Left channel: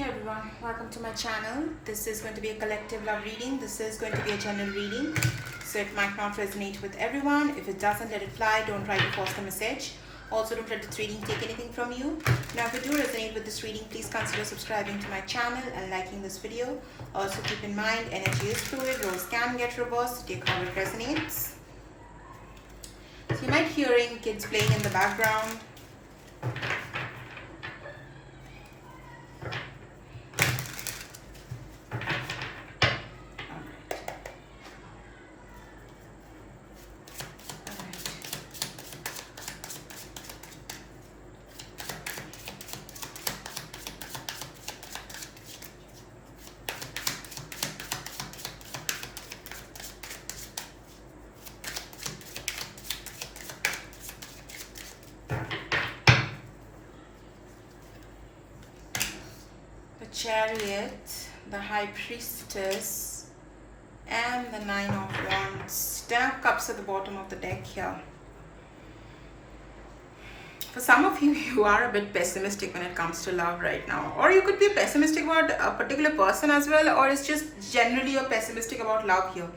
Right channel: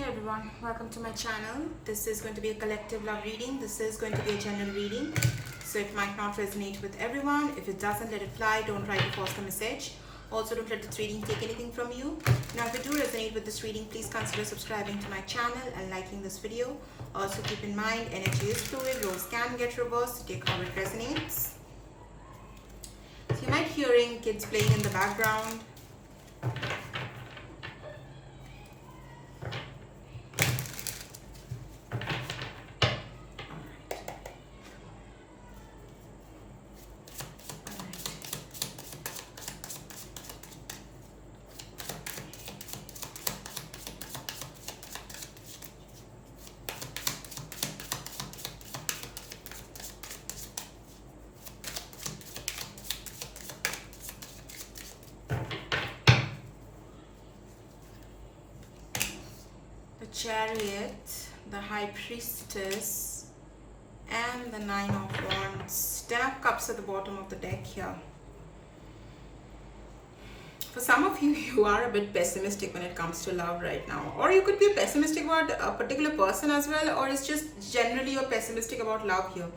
Hey everyone, welcome to my channel. This is going to be a collective love reading. This is going to be a general reading, so it might not resonate with everyone. If it doesn't, let it fly. Don't try to force the message. Also, don't let this reading take anything from you. Now, if you do resonate with this reading, please consider subscribing to my channel and liking this video. Also, keep in mind, energy is fluid. Roles can get reversed. Take how it resonates. You might be hearing kids playing in the background. Chariot, the High Priestess, and the Nine of Wands. Ten of Cups at the bottom of the deck here. For some of you, you are a bit pessimistic when it comes to love right now, or you could be pessimistic about a particular person as well, or it's just generally you're pessimistic about love here.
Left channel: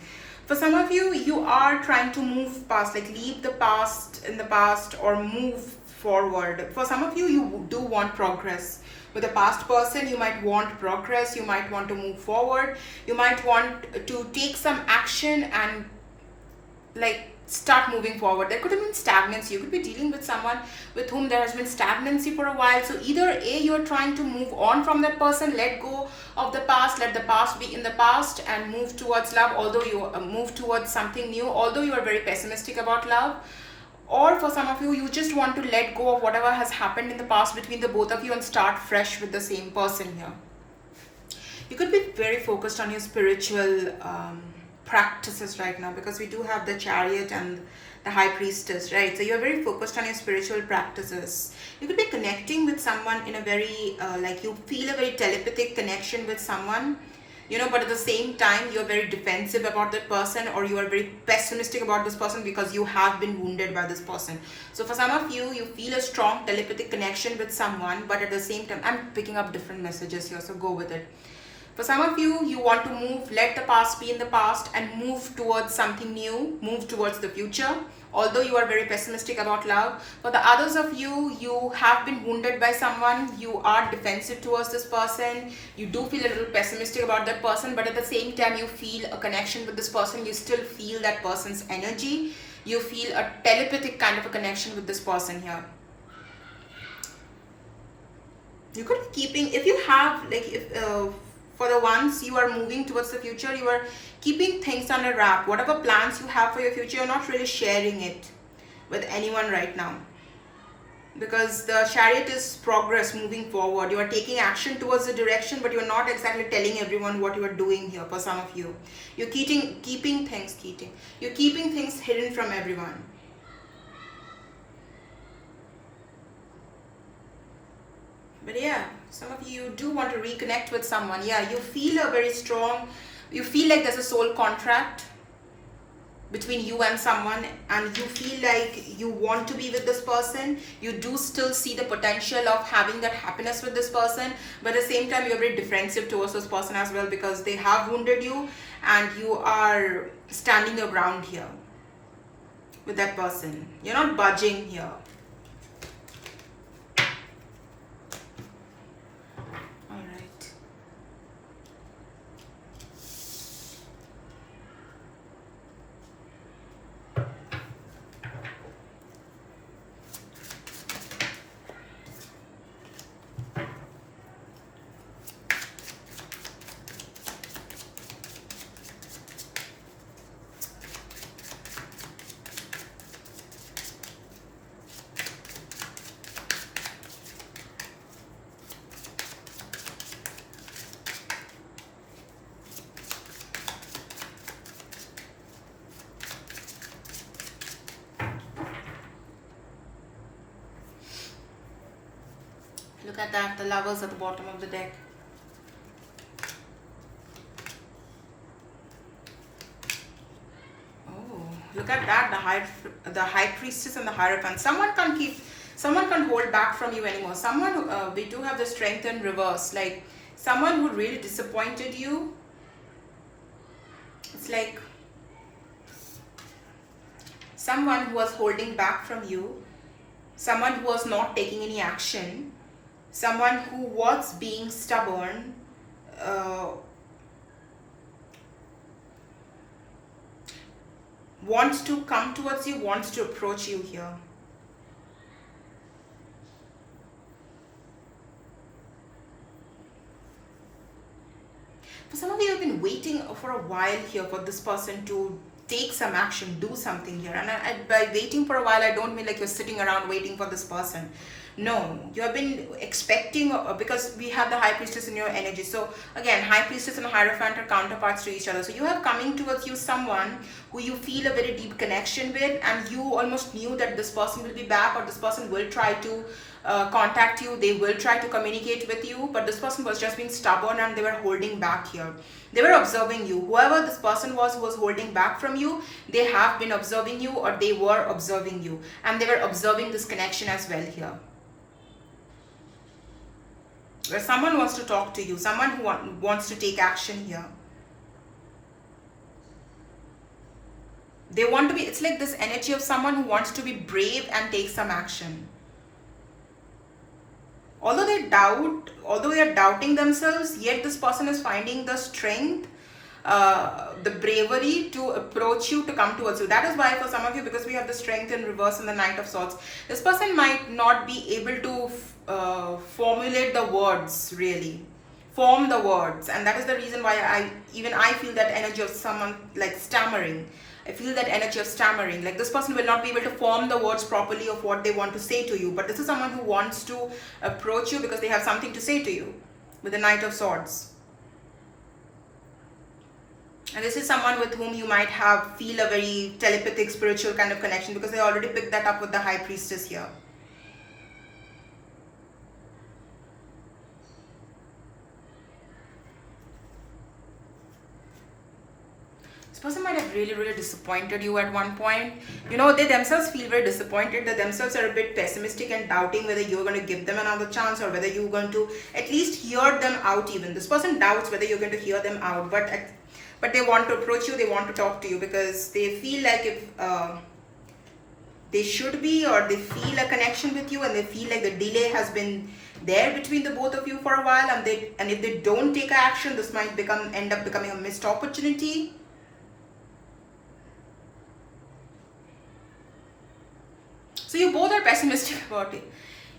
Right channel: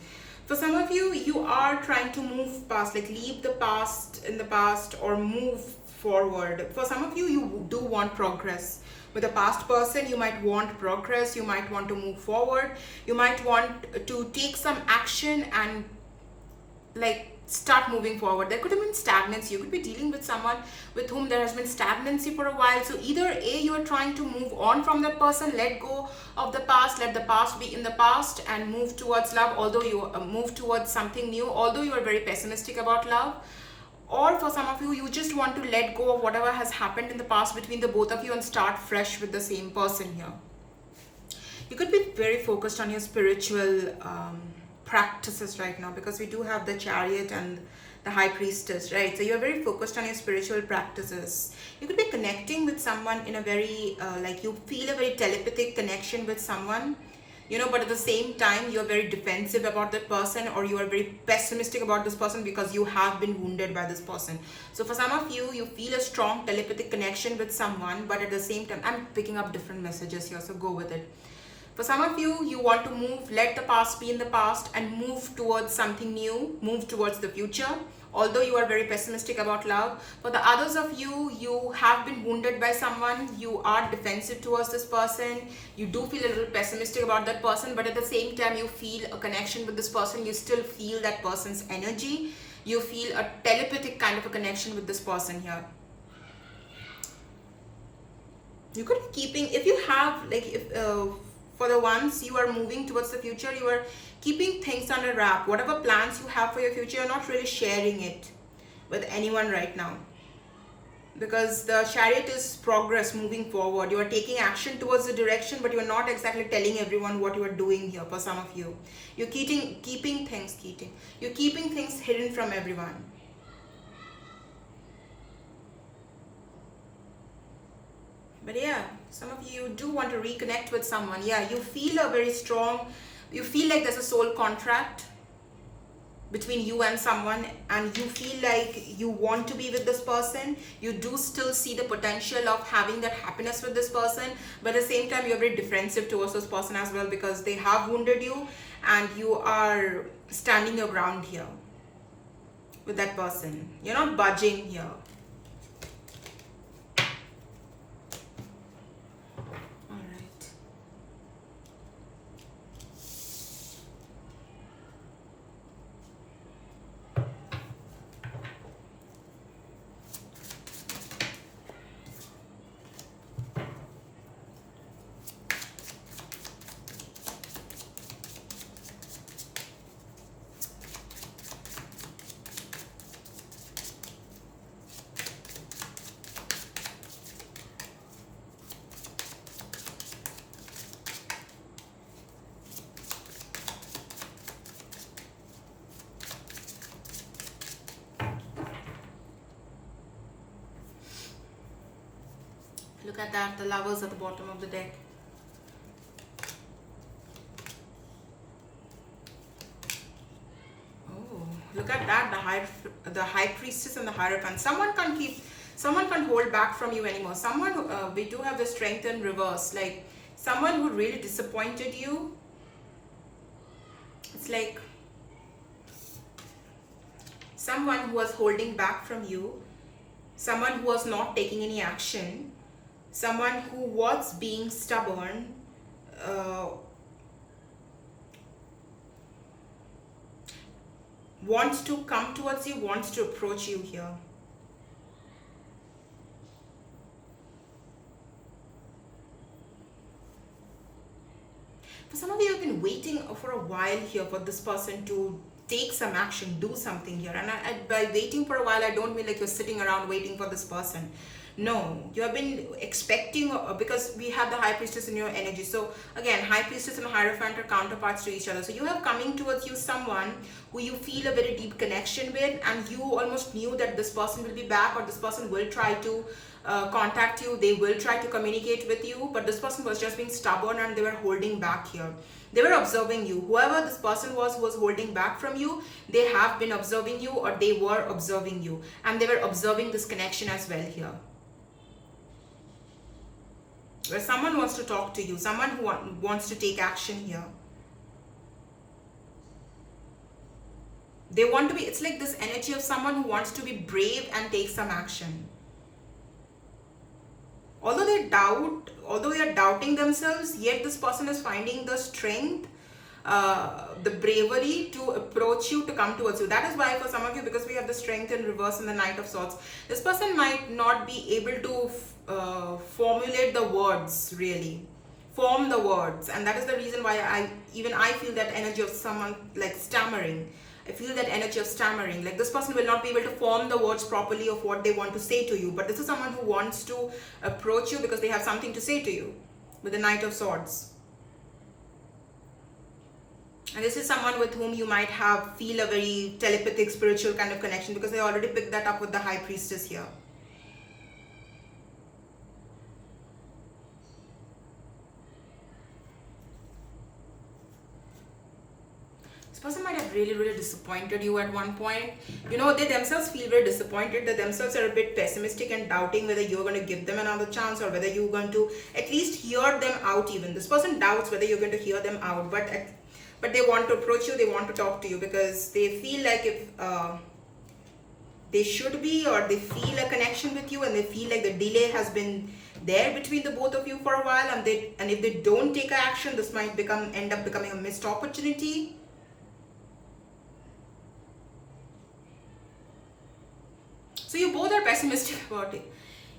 For some of you, you are trying to move past, like leave the past in the past or move forward. For some of you, you do want progress. With a past person, you might want progress, you might want to move forward, you might want to take some action and like start moving forward. There could have been stagnancy. You could be dealing with someone with whom there has been stagnancy for a while. So either A, you're trying to move on from that person, let go of the past, let the past be in the past and move towards love, although you move towards something new, although you are very pessimistic about love. Or for some of you, you just want to let go of whatever has happened in the past between the both of you and start fresh with the same person here. You could be very focused on your spiritual practices right now, because we do have the Chariot and the High Priestess, right? So you're very focused on your spiritual practices. You could be connecting with someone in a very, like you feel a very telepathic connection with someone, you know, but at the same time you're very defensive about that person, or you are very pessimistic about this person because you have been wounded by this person. So for some of you, you feel a strong telepathic connection with someone, but at the same time, I'm picking up different messages here, so go with it. For some of you, you want to move, let the past be in the past and move towards something new, move towards the future, although you are very pessimistic about love. For the others of you, you have been wounded by someone, you are defensive towards this person, you do feel a little pessimistic about that person, but at the same time you feel a connection with this person, you still feel that person's energy, you feel a telepathic kind of a connection with this person here. You could be keeping, if you have, like, if for the ones you are moving towards the future, you are keeping things on a wrap. Whatever plans you have for your future, you're not really sharing it with anyone right now, because the Chariot is progress, moving forward. You are taking action towards the direction, but you're not exactly telling everyone what you are doing here. For some of you, you're keeping things hidden from everyone. But yeah, some of you do want to reconnect with someone. Yeah, you feel a very strong, you feel like there's a soul contract between you and someone, and you feel like you want to be with this person. You do still see the potential of having that happiness with this person, but at the same time you're very defensive towards this person as well, because they have wounded you and you are standing your ground here with that person. You're not budging here. Look at that, the Lovers at the bottom of the deck. Oh, look at that, the High Priestess and the Hierophant. Someone can't hold back from you anymore. Someone, we do have the Strength in reverse. Like Someone who really disappointed you. It's like someone who was holding back from you, someone who was not taking any action, someone who was being stubborn, wants to come towards you, wants to approach you here. For some of you have been waiting for a while here for this person to take some action, do something here. And by waiting for a while, I don't mean like you're sitting around waiting for this person. No, you have been expecting, because we have the High Priestess in your energy. So again, High Priestess and Hierophant are counterparts to each other. So you have coming towards you someone who you feel a very deep connection with, and you almost knew that this person will be back, or this person will try to contact you, they will try to communicate with you, but this person was just being stubborn and they were holding back here. They were observing you. Whoever this person was who was holding back from you, they have been observing you, or they were observing you, and they were observing this connection as well here. Where someone wants to talk to you, someone who wants to take action here. They want to be, it's like this energy of someone who wants to be brave and take some action. Although they are doubting themselves, yet this person is finding the strength, the bravery to approach you, to come towards you. That is why for some of you, because we have the strength in reverse in the Knight of Swords, this person might not be able to formulate the words, really form the words, and that is the reason why I feel that energy of someone like stammering. I feel that energy of stammering, like this person will not be able to form the words properly of what they want to say to you, but this is someone who wants to approach you because they have something to say to you with the Knight of Swords. And this is someone with whom you might feel a very telepathic, spiritual kind of connection, because I already picked that up with the High Priestess here. Person might have really disappointed you at one point. You know, they themselves feel very disappointed. They themselves are a bit pessimistic and doubting whether you're going to give them another chance, or whether you're going to at least hear them out even. This person doubts whether you're going to hear them out, but they want to approach you, they want to talk to you, because they feel like if they should be, or they feel a connection with you, and they feel like the delay has been there between the both of you for a while, and if they don't take action, this might end up becoming a missed opportunity. So you both are pessimistic about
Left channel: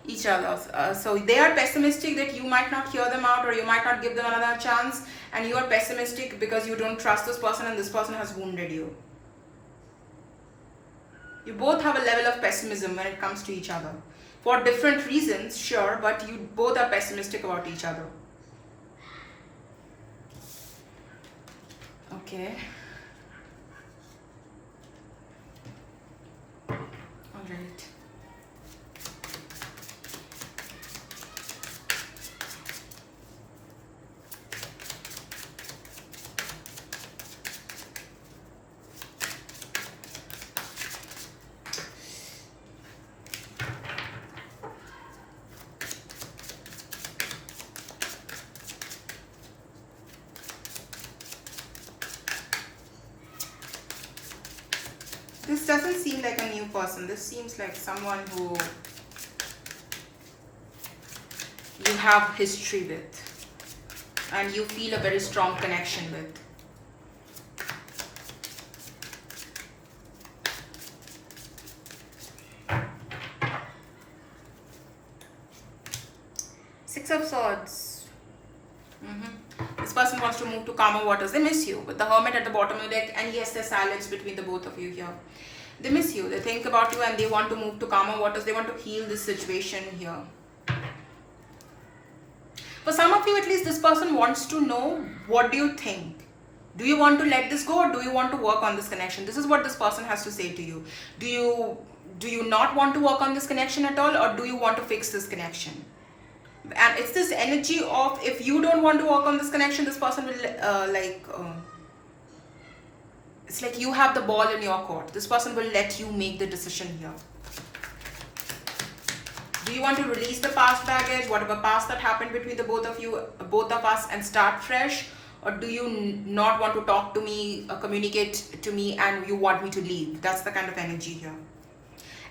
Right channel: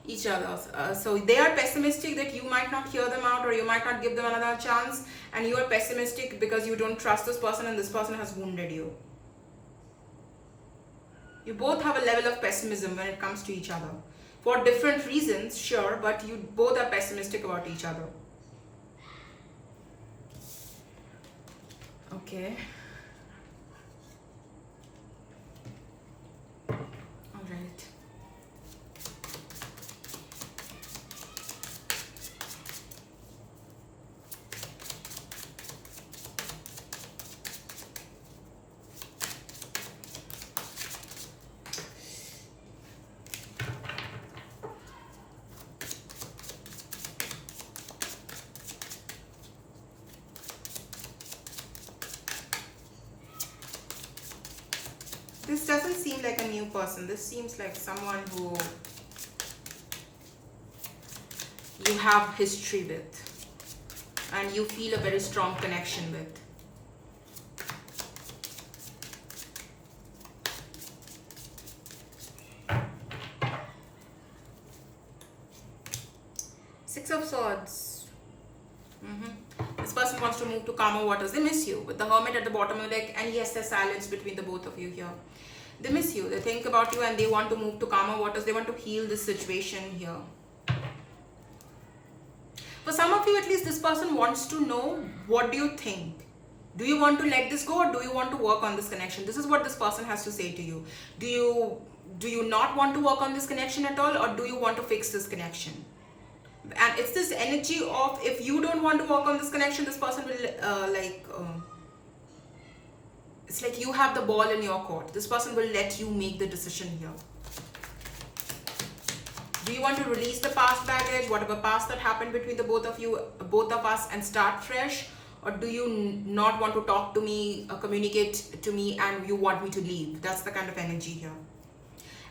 each other. So they are pessimistic that you might not hear them out, or you might not give them another chance, and you are pessimistic because you don't trust this person and this person has wounded you. You both have a level of pessimism when it comes to each other. For different reasons, sure, but you both are pessimistic about each other. Okay. Alright. This doesn't seem like a new person. This seems like someone who you have history with and you feel a very strong connection with. Six of Swords. This person wants to move to calmer waters. They miss you. With the Hermit at the bottom of the deck, and yes, there's silence between the both of you here. They miss you. They think about you and they want to move to calmer waters. They want to heal this situation here. For some of you, at least, this person wants to know, what do you think? Do you want to let this go, or do you want to work on this connection? This is what this person has to say to you. Do you not want to work on this connection at all, or do you want to fix this connection? And it's this energy of, if you don't want to work on this connection, this person will it's like you have the ball in your court. This person will let you make the decision here. Do you want to release the past baggage, whatever past that happened between the both of you, both of us, and start fresh? Or do you not want to talk to me, communicate to me, and you want me to leave? That's the kind of energy here.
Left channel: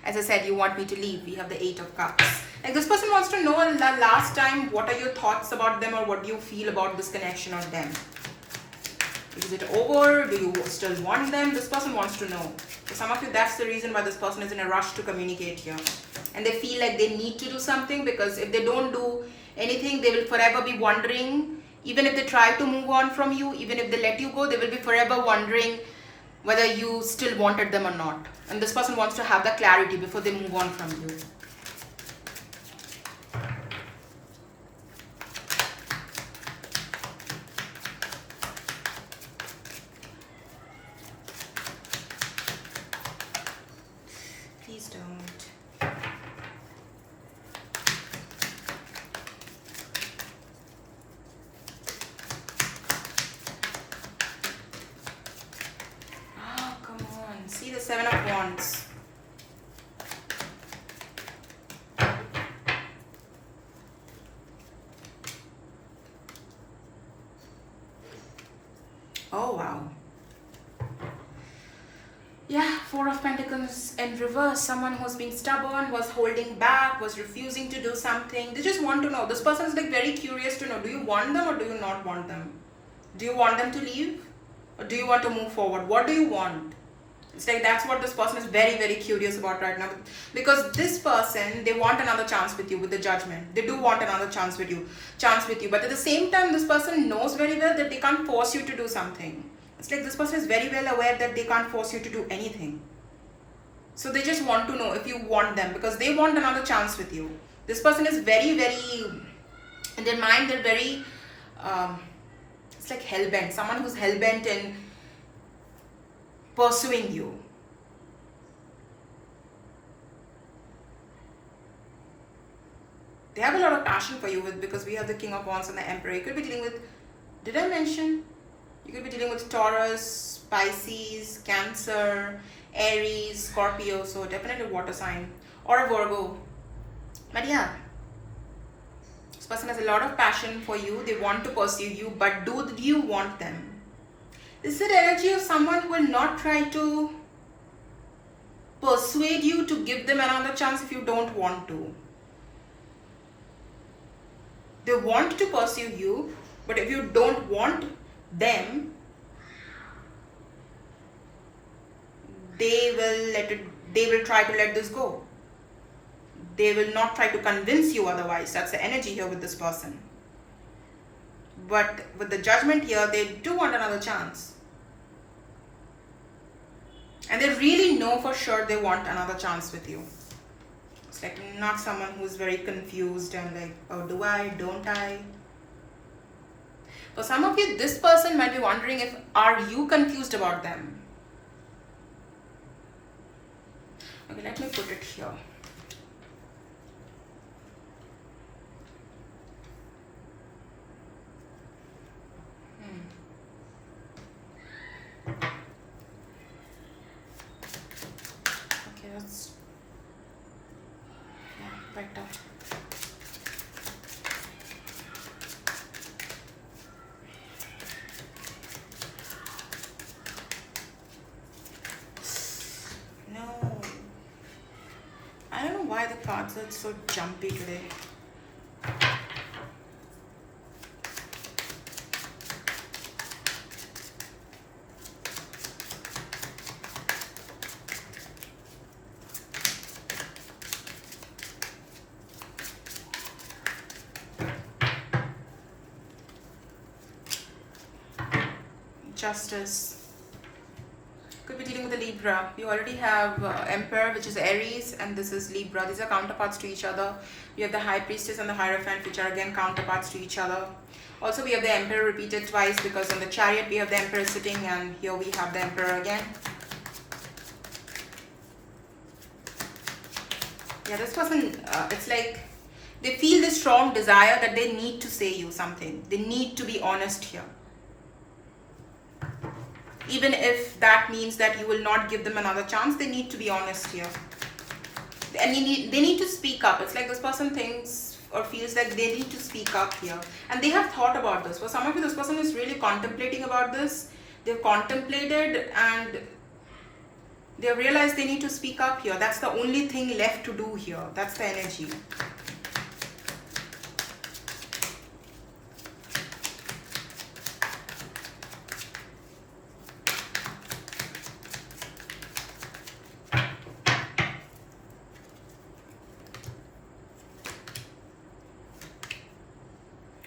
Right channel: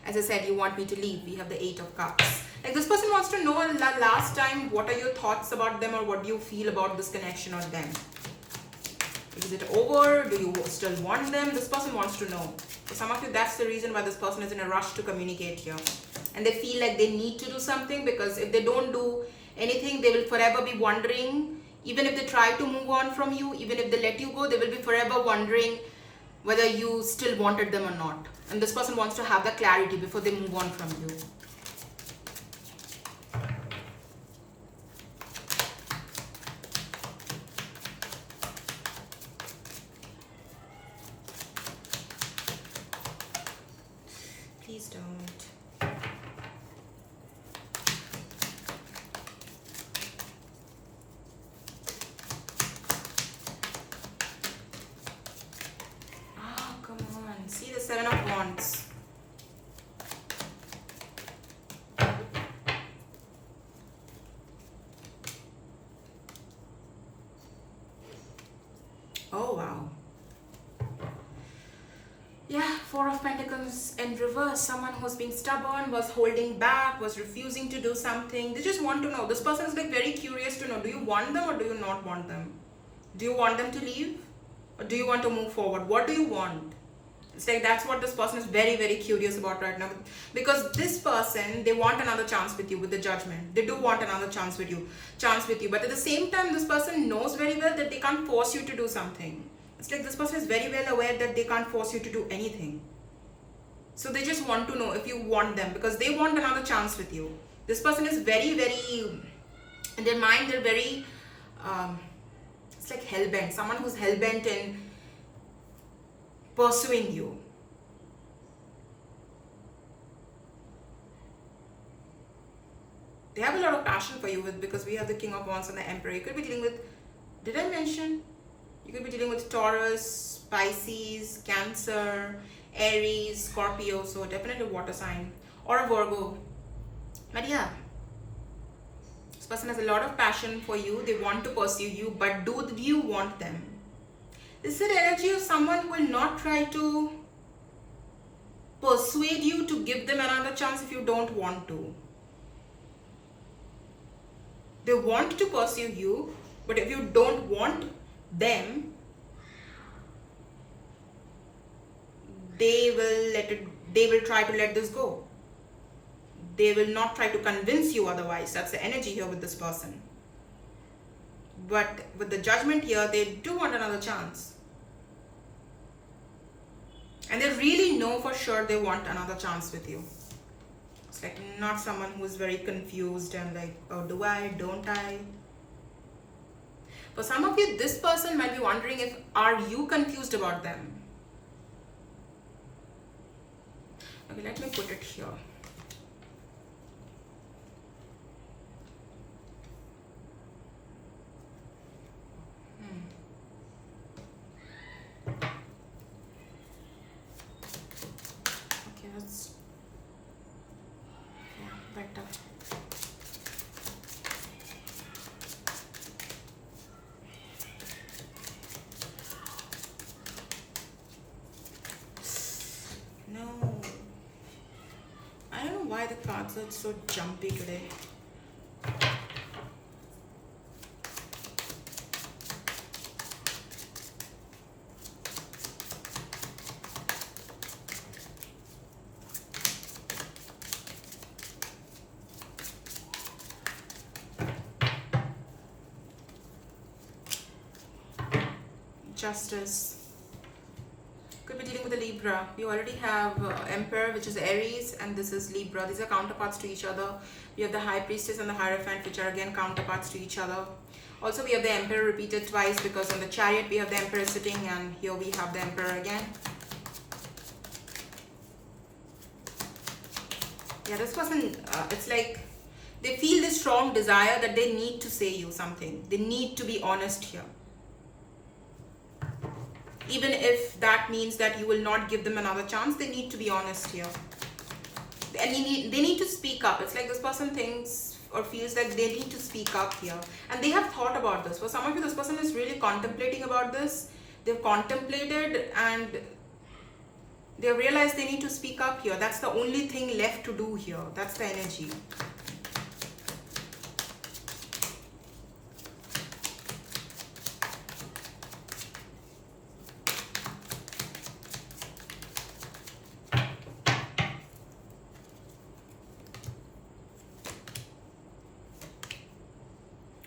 As I said, you want me to leave. We have the 8 of Cups. Like, this person wants to know the last time, what are your thoughts about them, or what do you feel about this connection or them? Is it over? Do you still want them? This person wants to know. For some of you, that's the reason why this person is in a rush to communicate here. And they feel like they need to do something, because if they don't do anything, they will forever be wondering. Even if they try to move on from you, even if they let you go, they will be forever wondering whether you still wanted them or not. And this person wants to have that clarity before they move on from you. Please don't. Oh, come on. See the 7 of Wands. Oh, wow. Yeah, 4 of Pentacles in reverse. Someone who's been stubborn, was holding back, was refusing to do something. They just want to know. This person is like very curious to know, do you want them or do you not want them? Do you want them to leave or do you want to move forward? What do you want? It's like that's what this person is very, very curious about right now. Because this person, they want another chance with you with the Judgment. They do want another chance with you. But at the same time, this person knows very well that they can't force you to do something. It's like this person is very well aware that they can't force you to do anything. So they just want to know if you want them, because they want another chance with you. This person is very, very, in their mind, they're very, it's like hell-bent. Someone who's hell-bent in pursuing you. They have a lot of passion for you because we have the King of Wands and the Emperor. You could be dealing with, did I mention? You could be dealing with Taurus, Pisces, Cancer, Aries, Scorpio, so definitely water sign, or a Virgo. But yeah, this person has a lot of passion for you. They want to pursue you, but do you want them? This is the energy of someone who will not try to persuade you to give them another chance if you don't want to. They want to pursue you, but if you don't want them, they will try to let this go. They will not try to convince you otherwise. That's the energy here with this person. But with the Judgment here, they do want another chance. And they really know for sure they want another chance with you. It's like not someone who's very confused and like, oh, do I, don't I? For some of you, this person might be wondering if, are you confused about them? Okay, let me put it here. Okay, let's, yeah, right up. No. I don't know why the cards are so jumpy today. Justice. Could be dealing with a Libra. You already have Emperor, which is Aries, and this is Libra. These are counterparts to each other. You have the High Priestess and the Hierophant, which are again counterparts to each other. Also, we have the Emperor repeated twice, because on the Chariot we have the Emperor sitting, and here we have the Emperor again. Yeah, this person, it's like they feel this strong desire that they need to say you something. They need to be honest here. Even if that means that you will not give them another chance, they need to be honest here. and they need to speak up. It's like this person thinks or feels like they need to speak up here, and they have thought about this. For some of you, this person is really contemplating about this. They've contemplated and they realize they need to speak up here. That's the only thing left to do here. That's the energy.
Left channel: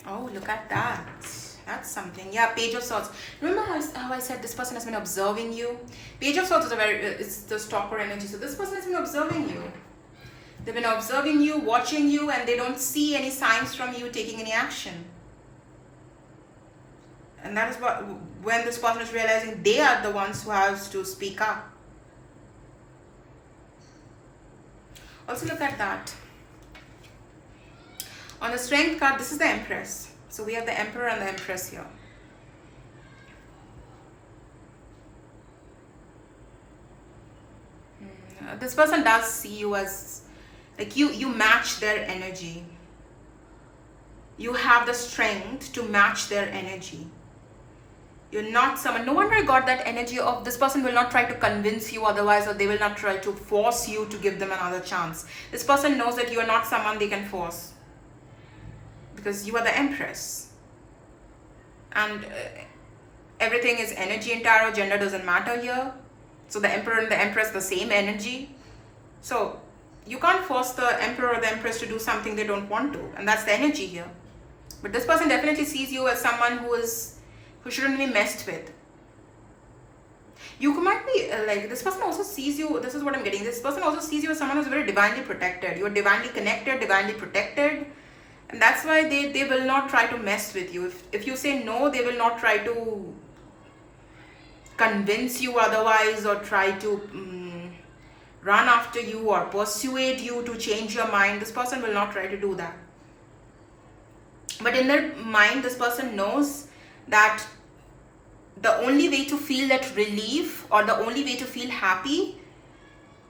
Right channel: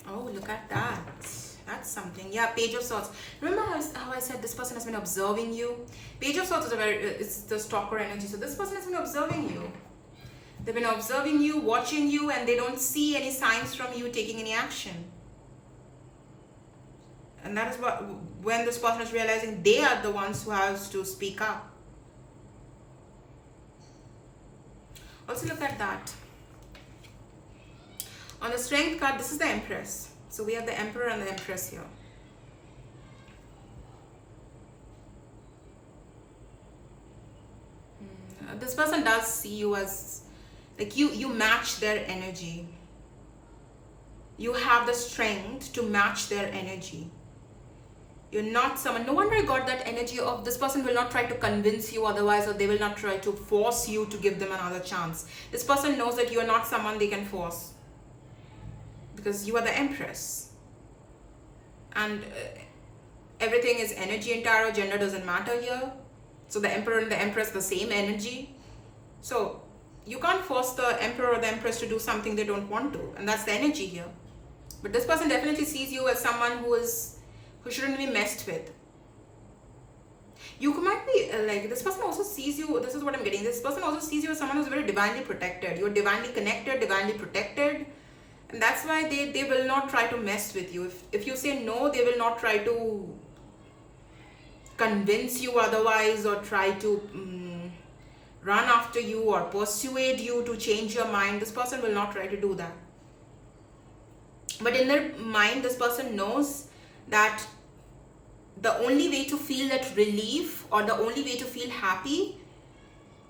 Oh, look at that. That's something. Yeah, Page of Swords. Remember how I said this person has been observing you? Page of Swords is it's the stalker energy. So this person has been observing you. They've been observing you, watching you, and they don't see any signs from you taking any action. And that is when this person is realizing they are the ones who have to speak up. Also look at that. On the Strength card, this is the Empress. So we have the Emperor and the Empress here. This person does see you as, like, you match their energy. You have the strength to match their energy. You're not someone, no wonder I got that energy of this person will not try to convince you otherwise, or they will not try to force you to give them another chance. This person knows that you are not someone they can force, because you are the Empress. And everything is energy in tarot. Gender doesn't matter here. So the Emperor and the Empress, the same energy. So you can't force the Emperor or the Empress to do something they don't want to. And that's the energy here. But this person definitely sees you as someone who shouldn't be messed with. You might be like, this person also sees you, this is what I'm getting. This person also sees you as someone who's very divinely protected. You're divinely connected, divinely protected. And that's why they will not try to mess with you. If you say no, they will not try to convince you otherwise, or try to run after you or persuade you to change your mind. This person will not try to do that. But in their mind, this person knows that the only way to feel that relief, or the only way to feel happy,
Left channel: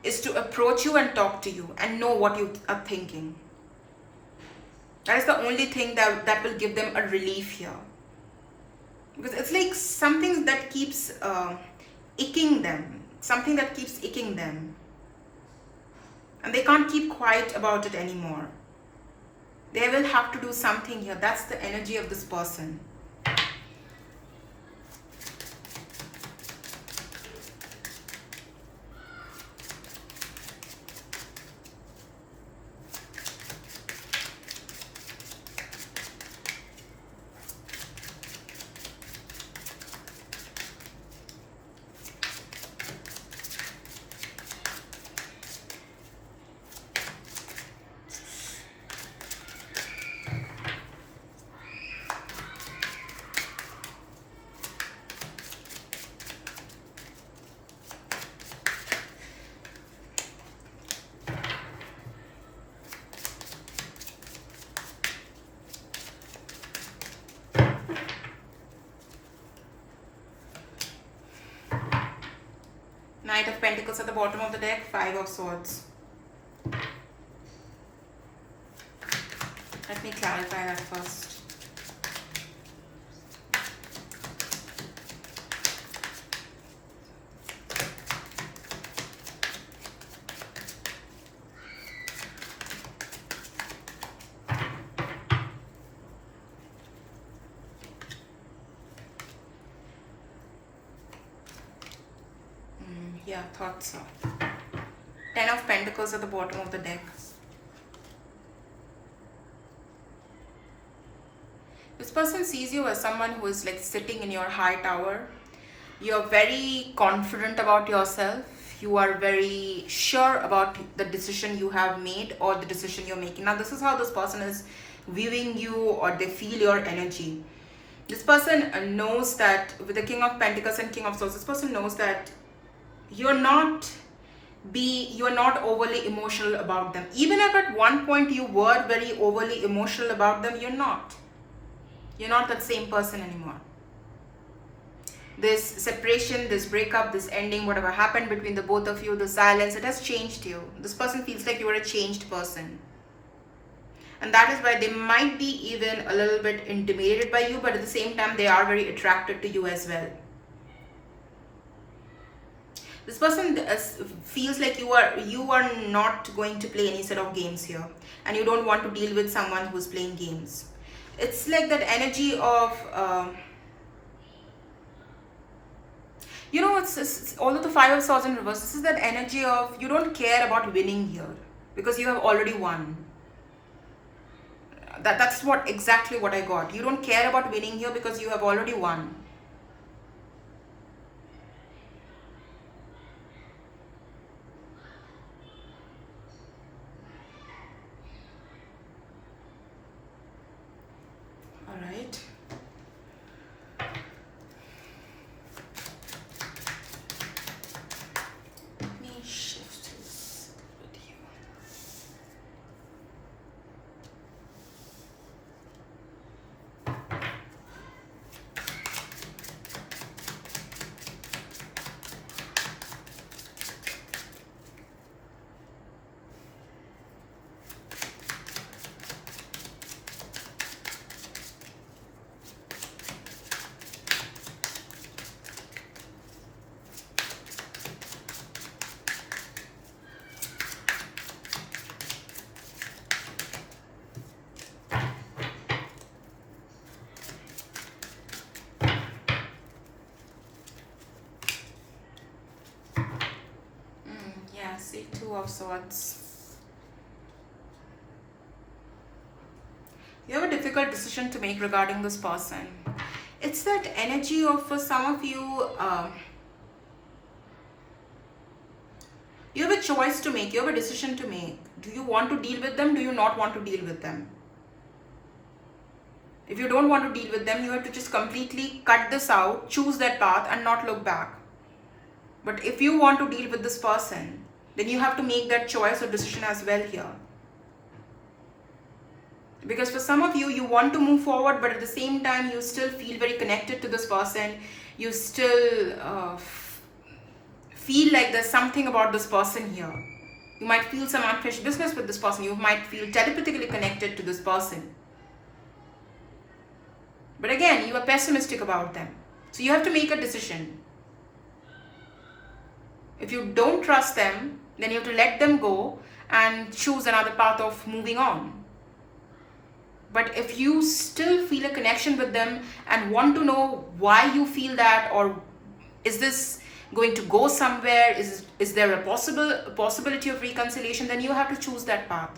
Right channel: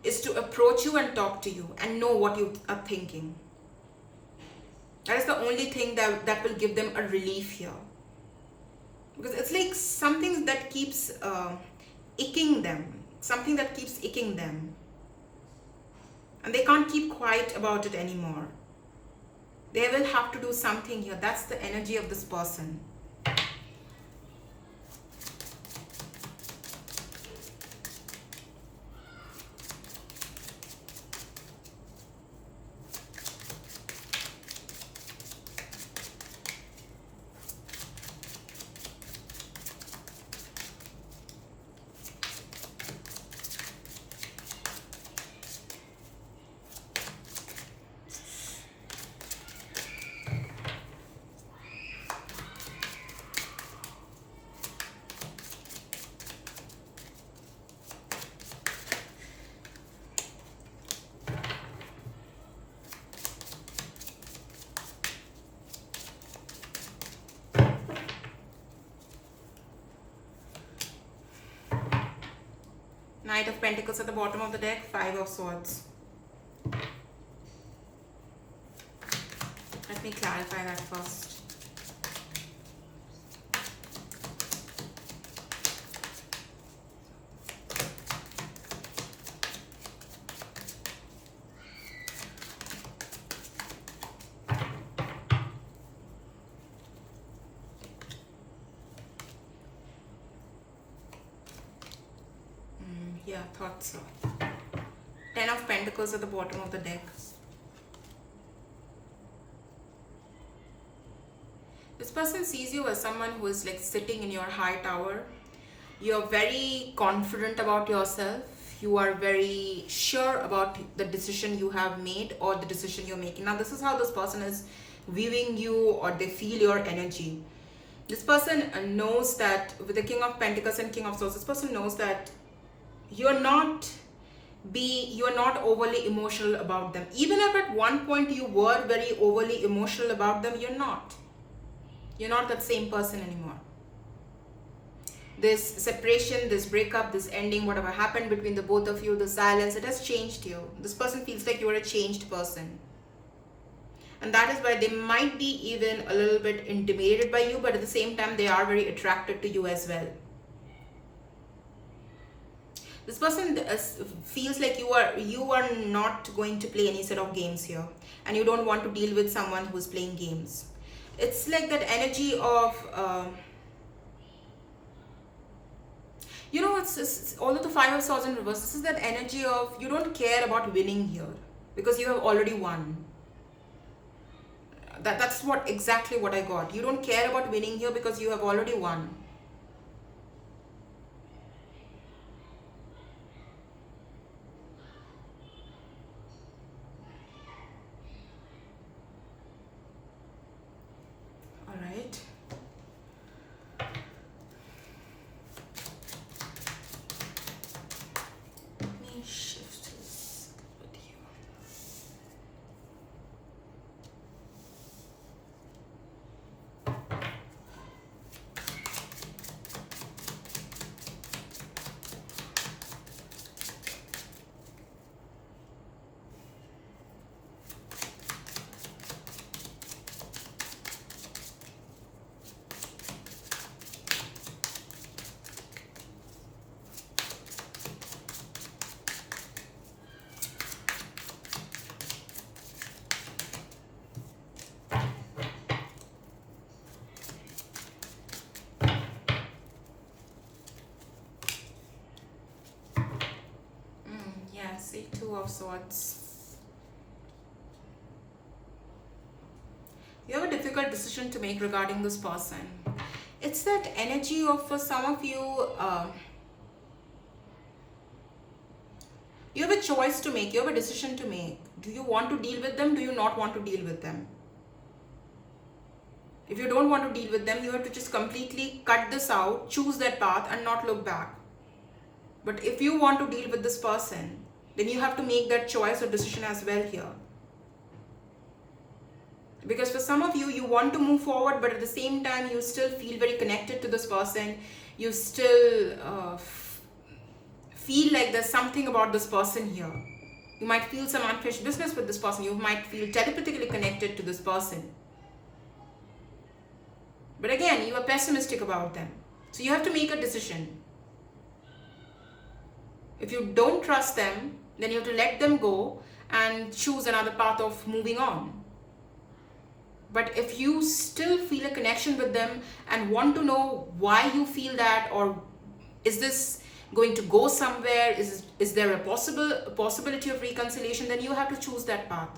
is to approach you and talk to you and know what you are thinking. That is the only thing that will give them a relief here. Because it's like something that keeps icking them. Something that keeps icking them. And they can't keep quiet about it anymore. They will have to do something here. That's the energy of this person. Knight of Pentacles at the bottom of the deck, Five of Swords. Let me clarify that first. Yeah, thought so. Ten of Pentacles at the bottom of the deck. This person sees you as someone who is like sitting in your high tower. You're very confident about yourself. You are very sure about the decision you have made or the decision you're making. Now, this is how this person is viewing you, or they feel your energy. This person knows that with the King of Pentacles and King of Swords, this person knows that you're not overly emotional about them. Even if at one point you were very overly emotional about them, you're not that same person anymore. This separation, this breakup, this ending, whatever happened between the both of you, the silence, it has changed you. This person feels like you are a changed person. And that is why they might be even a little bit intimidated by you, but at the same time, they are very attracted to you as well. This person feels like you are not going to play any sort of games here, and you don't want to deal with someone who's playing games. It's like that energy of although the Five of Swords in reverse, this is that energy of you don't care about winning here because you have already won. That's exactly what I got. You don't care about winning here because you have already won. All right. Let me shift this video. See, Two of Swords. You have a difficult decision to make regarding this person. It's that energy of, for some of you, you have a choice to make, you have a decision to make. Do you want to deal with them? Do you not want to deal with them? If you don't want to deal with them, you have to just completely cut this out, choose that path and not look back. But if you want to deal with this person, then you have to make that choice or decision as well here. Because for some of you, you want to move forward, but at the same time, you still feel very connected to this person. You still feel like there's something about this person here. You might feel some unfinished business with this person. You might feel telepathically connected to this person. But again, you are pessimistic about them. So you have to make a decision. If you don't trust them, then you have to let them go and choose another path of moving on. But if you still feel a connection with them and want to know why you feel that, or is this going to go somewhere, is there a possibility of reconciliation, then you have to choose that path.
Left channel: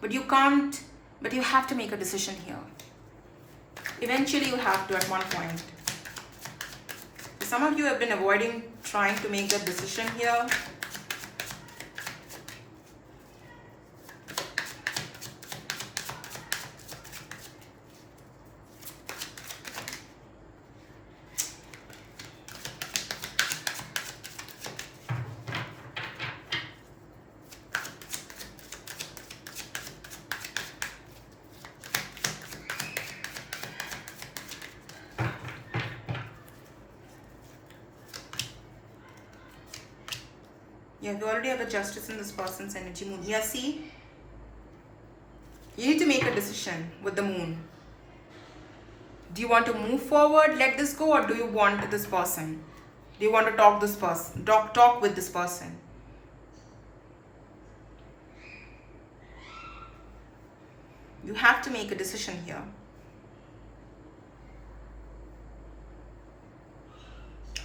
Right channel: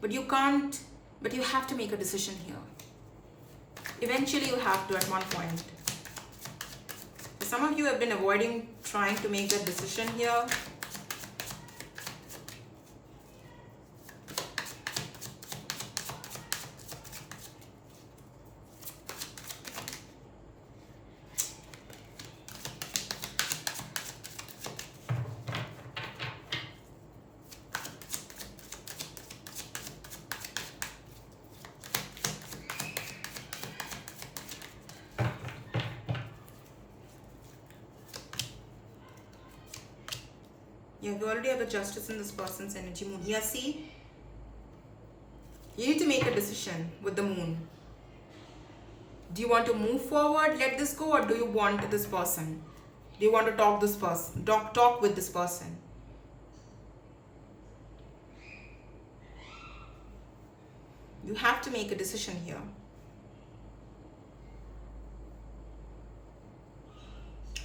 But you have to make a decision here. Eventually you have to at one point. Some of you have been avoiding trying to make that decision here. Yeah, we already have a justice in this person's energy. Moon. Yeah, see? You need to make a decision with the moon. Do you want to move forward, let this go, or do you want this person? Do you want to talk with this person? You have to make a decision here.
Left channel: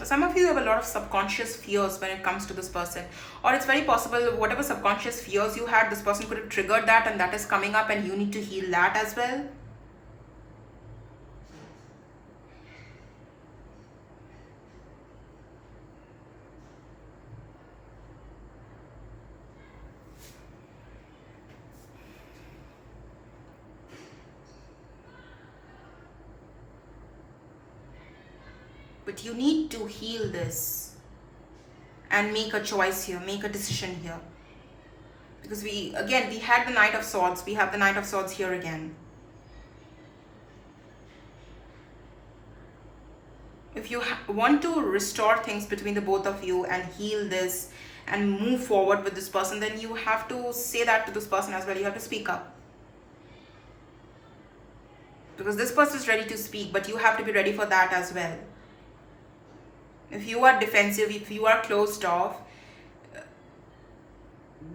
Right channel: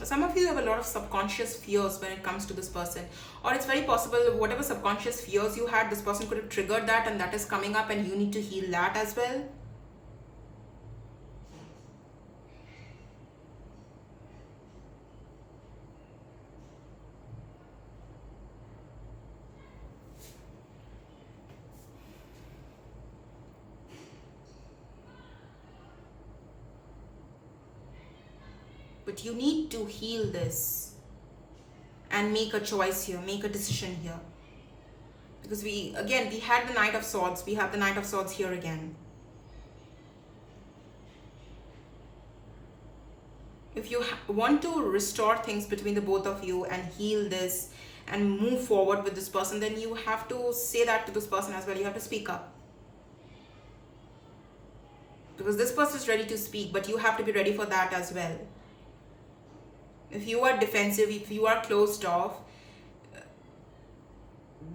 Some of you have a lot of subconscious fears when it comes to this person, or it's very possible whatever subconscious fears you had, this person could have triggered that, and that is coming up, and you need to heal that as well. But you need to heal this and make a choice here, make a decision here. Because we had the Knight of Swords, we have the Knight of Swords here again. if you want to restore things between the both of you and heal this and move forward with this person, then you have to say that to this person as well. You have to speak up, because this person is ready to speak, but you have to be ready for that as well. If you are defensive, if you are closed off,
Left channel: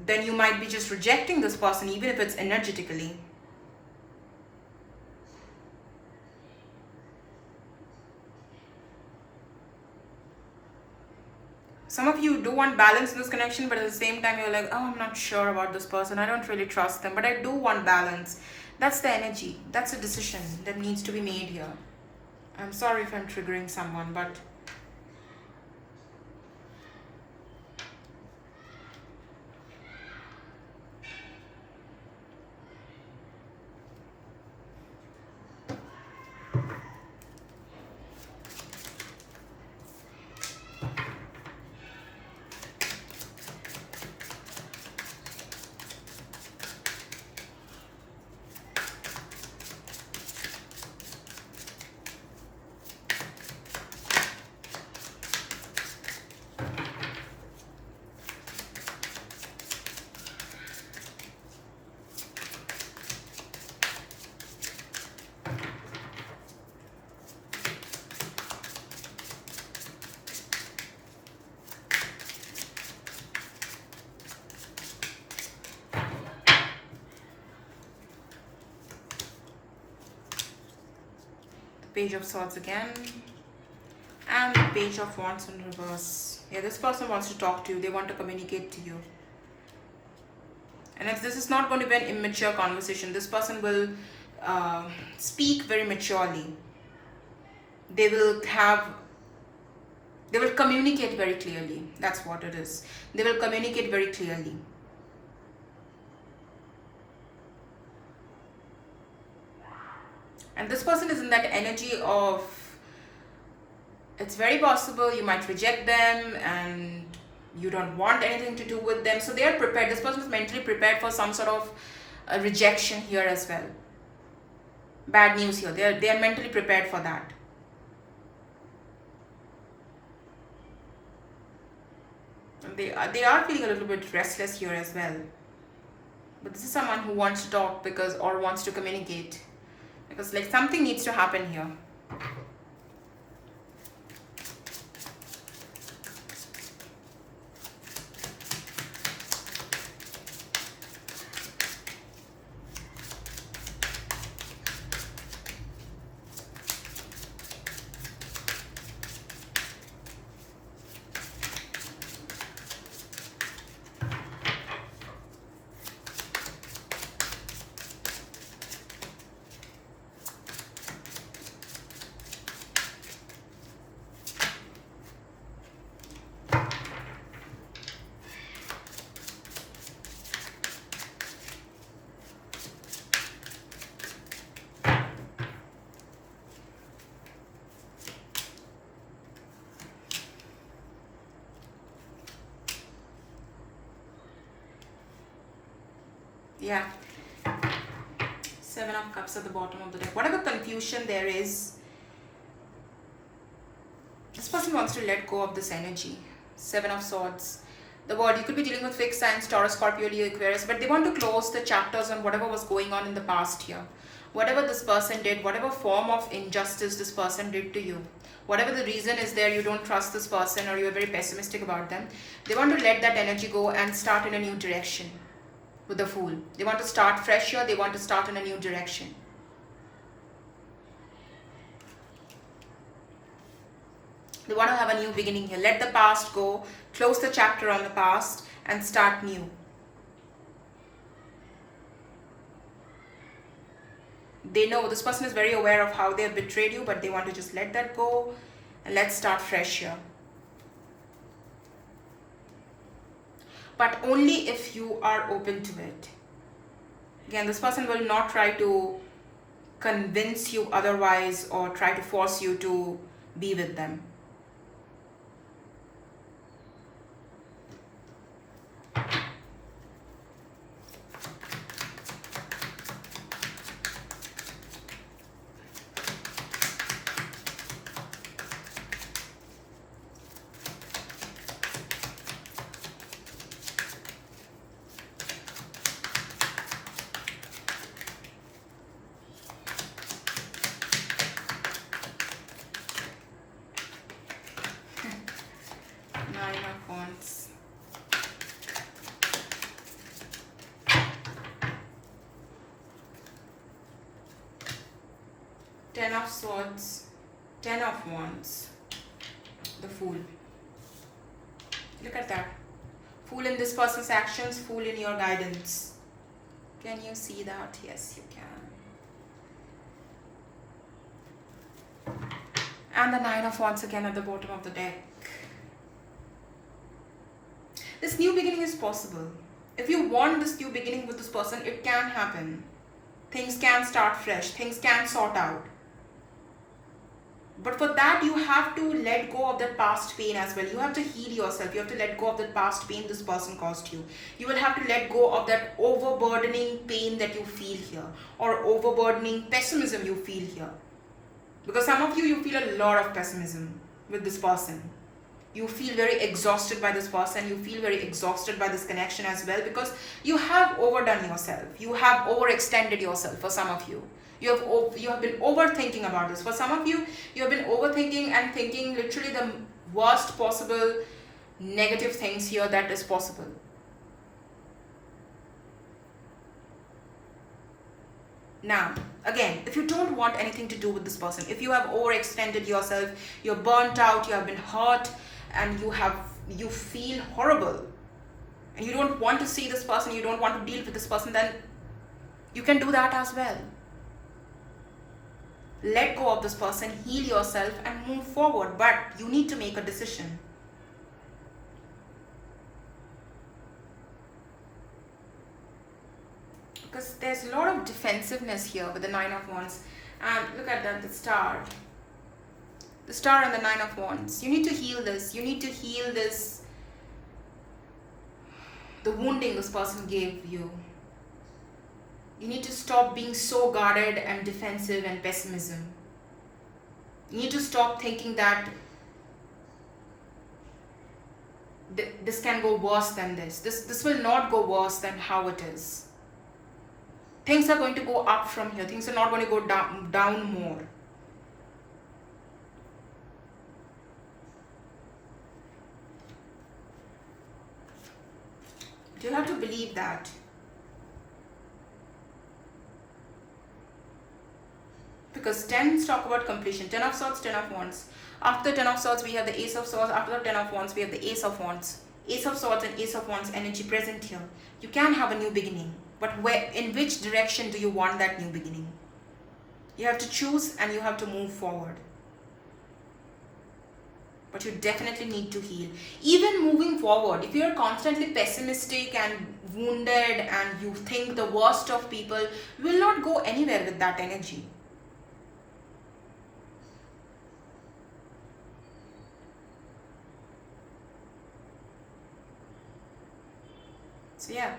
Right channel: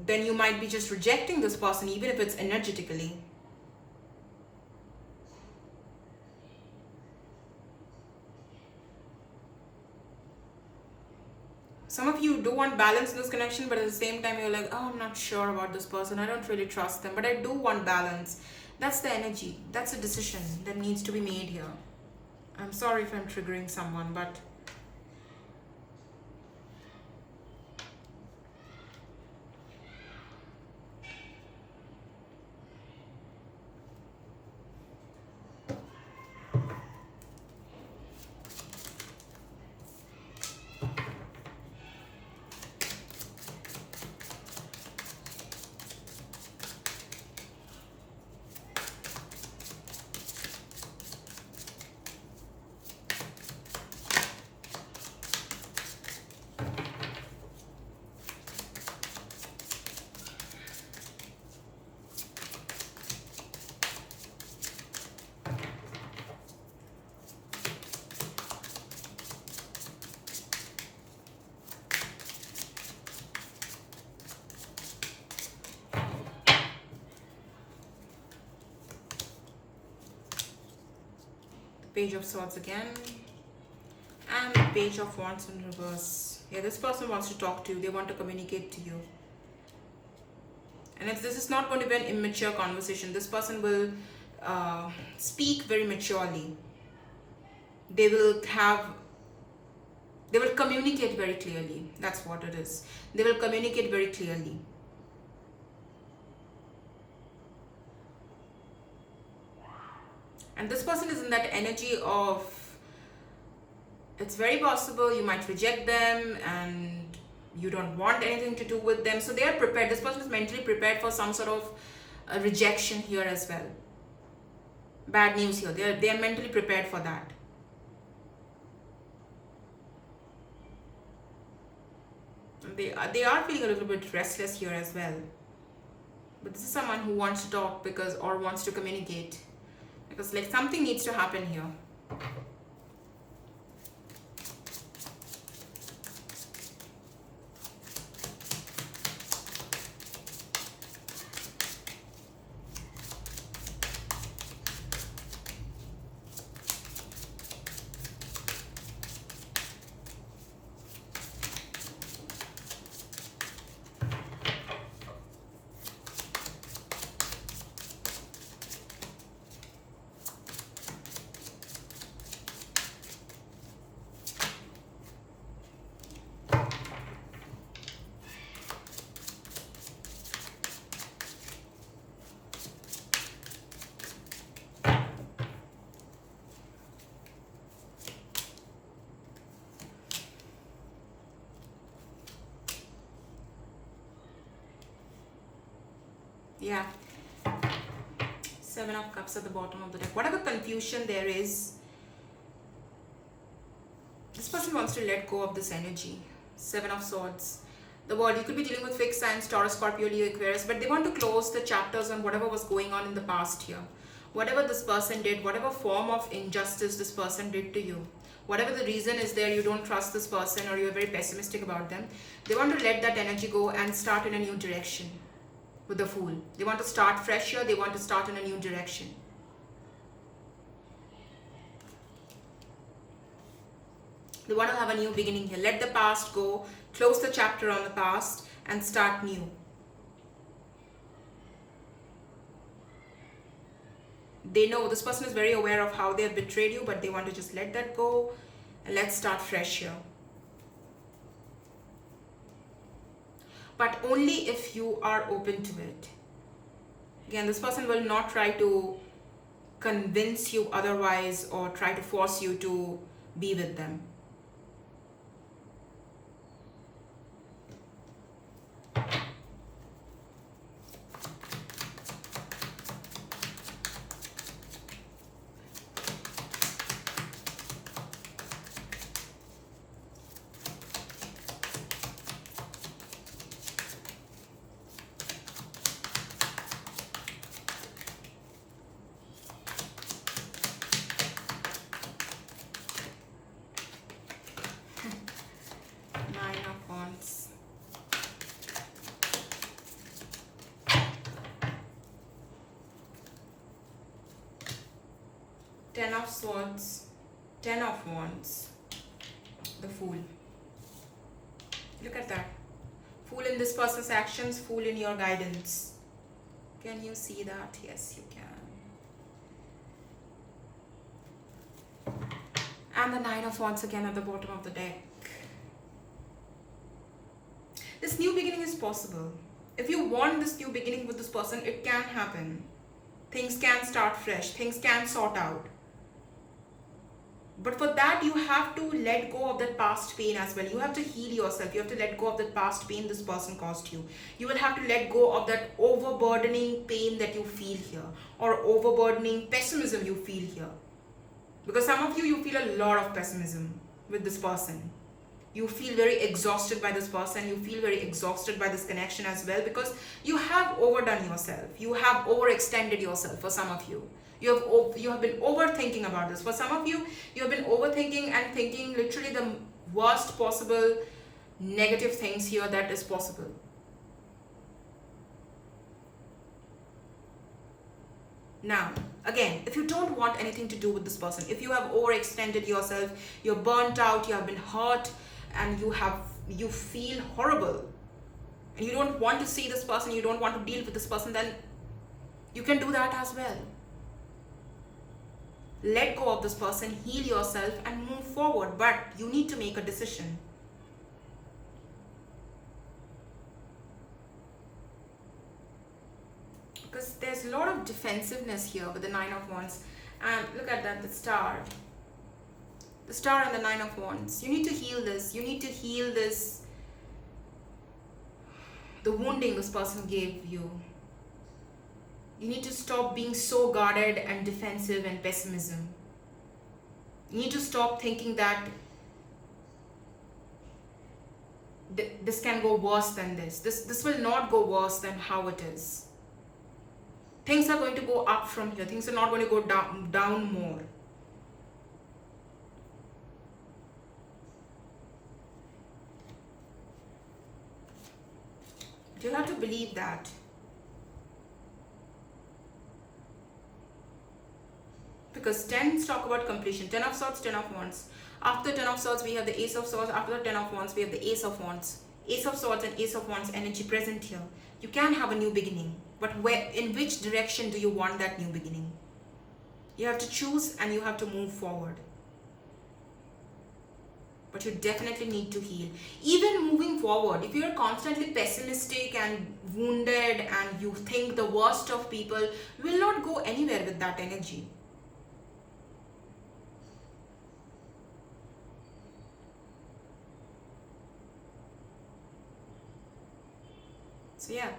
then you might be just rejecting this person, even if it's energetically. Some of you do want balance in this connection, but at the same time, you're like, oh, I'm not sure about this person. I don't really trust them, but I do want balance. That's the energy. That's a decision that needs to be made here. I'm sorry if I'm triggering someone, but Page of Swords again, and the Page of Wands in reverse. Yeah, this person wants to talk to you. They want to communicate to you. And if this is not going to be an immature conversation, this person will speak very maturely. They will communicate very clearly. That's what it is. They will communicate very clearly. And this person is in that energy of, it's very possible you might reject them and you don't want anything to do with them. So they are prepared. This person is mentally prepared for some sort of rejection here as well. Bad news here. They are mentally prepared for that. And they are feeling a little bit restless here as well. But this is someone who wants to talk or wants to communicate. Because like something needs to happen here. Yeah. 7 of Cups at the bottom of the deck. Whatever confusion there is, this person wants to let go of this energy. 7 of Swords. The word, you could be dealing with fixed signs, Taurus, Scorpio, Leo, Aquarius, but they want to close the chapters on whatever was going on in the past here. Whatever this person did, whatever form of injustice this person did to you, whatever the reason is there, you don't trust this person or you're very pessimistic about them, they want to let that energy go and start in a new direction. With the Fool, they want to start fresh here. They want to start in a new direction. They want to have a new beginning here. Let the past go, close the chapter on the past and start new. They know, this person is very aware of how they have betrayed you, but they want to just let that go and let's start fresh here. But only if you are open to it. Again, this person will not try to convince you otherwise or try to force you to be with them. Ten of Swords, Ten of Wands, the Fool. Look at that. Fool in this person's actions, Fool in your guidance. Can you see that? Yes, you can. And the Nine of Wands again at the bottom of the deck. This new beginning is possible. If you want this new beginning with this person, it can happen. Things can start fresh. Things can sort out. But for that, you have to let go of that past pain as well. You have to heal yourself. You have to let go of that past pain this person caused you. You will have to let go of that overburdening pain that you feel here, or overburdening pessimism you feel here. Because some of you, you feel a lot of pessimism with this person. You feel very exhausted by this person. You feel very exhausted by this connection as well, because you have overdone yourself. You have overextended yourself for some of you. You have been overthinking about this. For some of you, you have been overthinking and thinking literally the worst possible negative things here that is possible. Now, again, if you don't want anything to do with this person, if you have overextended yourself, you're burnt out, you have been hurt, and you feel horrible, and you don't want to see this person, you don't want to deal with this person, then you can do that as well. Let go of this person, heal yourself, and move forward. But you need to make a decision. Because there's a lot of defensiveness here with the Nine of Wands. And look at that, the Star. The Star and the Nine of Wands. You need to heal this. You need to heal this. The wounding this person gave you. You need to stop being so guarded and defensive and pessimism. You need to stop thinking that this can go worse than this. This will not go worse than how it is. Things are going to go up from here. Things are not going to go down more. You have to believe that. Because tens talk about completion. Ten of Swords, Ten of Wands. After Ten of Swords, we have the Ace of Swords. After the Ten of Wands, we have the Ace of Wands. Ace of Swords and Ace of Wands energy present here. You can have a new beginning. But in which direction do you want that new beginning? You have to choose and you have to move forward. But you definitely need to heal. Even moving forward, if you're constantly pessimistic and wounded and you think the worst of people, you will not go anywhere with that energy. So yeah.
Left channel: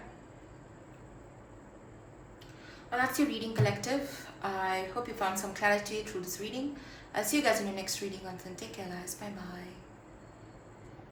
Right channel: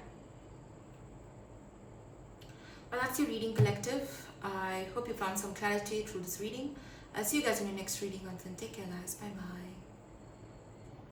Well, that's your reading, collective. I hope you found some clarity through this reading. I'll see you guys in your next reading. Until then, take care, guys. Bye bye.